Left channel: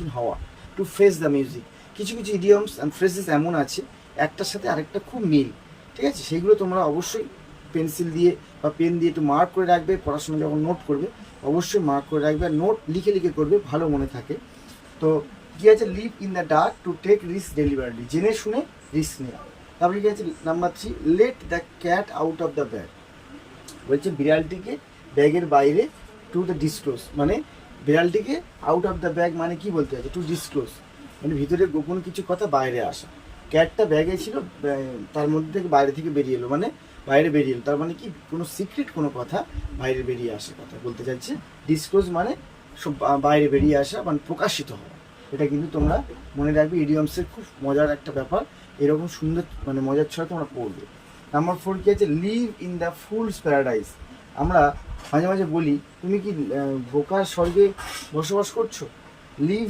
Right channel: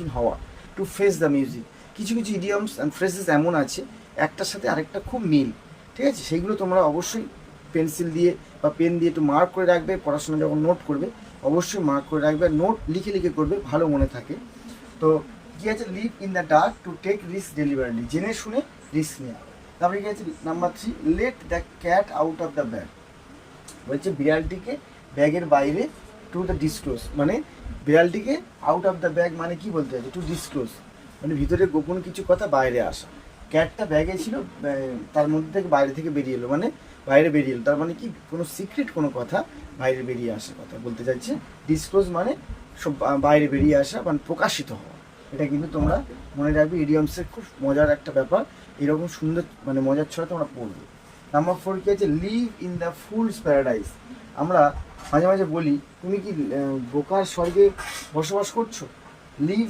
সম্মুখীন হওয়া, to face the music. কিছু কিছু ইডিয়মস অ্যান্ড ফ্রেজেস এমন আছে একটার সাথে আরেকটা খুব মিল, ঠিক আছে? সেইগুলো তোমরা অবশ্যই পেন্সিল দিয়ে বা পেন দিয়ে একটু মার্ক করে রাখবে, পড়াশোনা যখন নোট করবে অবশ্যই মার্ক করে রাখবে, আর নোট লিখে লিখে করবে, ভালো মনে থাকে। তো কী আছে, live in the dark to take risk ডেলিভারিলি, জেনে শুনে রিস্ক নেওয়া। তারপরে কি আছে number 3, let the cat out of the bag, বলছে বিড়ালটিকে ব্যাগের বাইরে, টু দ্য ডিসক্লোজ, মানে বিড়ালটিকে আউট অফ দ্য ব্যাগ মানে কি বলতে আছে, টু ডিসক্লোজ মানে ভিতরে গোপন কিছু কথা বাইরে আসা। ক্যাটটা ব্যাগে ছিল, তার মধ্যে থেকে বাইরে থেকে বেরিয়ে এলো, মানে বাইরে বেরিয়ে এলো, তার মানে কি কোনো সিক্রেট কোনো কথা বাইরে বেরিয়ে আসে, কথা বলতে চাইছে। ডিসক্লোজ মানে সব বাইরে বেরিয়ে আসা, মানে প্রকাশিত হওয়া। এটা কিন্তু তোমরা মনে রাখবে, ইডিয়মসের খুব মজার একটা ব্যাপার, এরকম সুন্দর মানে মজার ছয় তোমরা পড়বে। নাম্বার 4 কি আছে, live in the fools paradise. আমরা মাঝে মাঝে বলি তুমি কি বোকার স্বর্গে বসবাস করছো, লিভ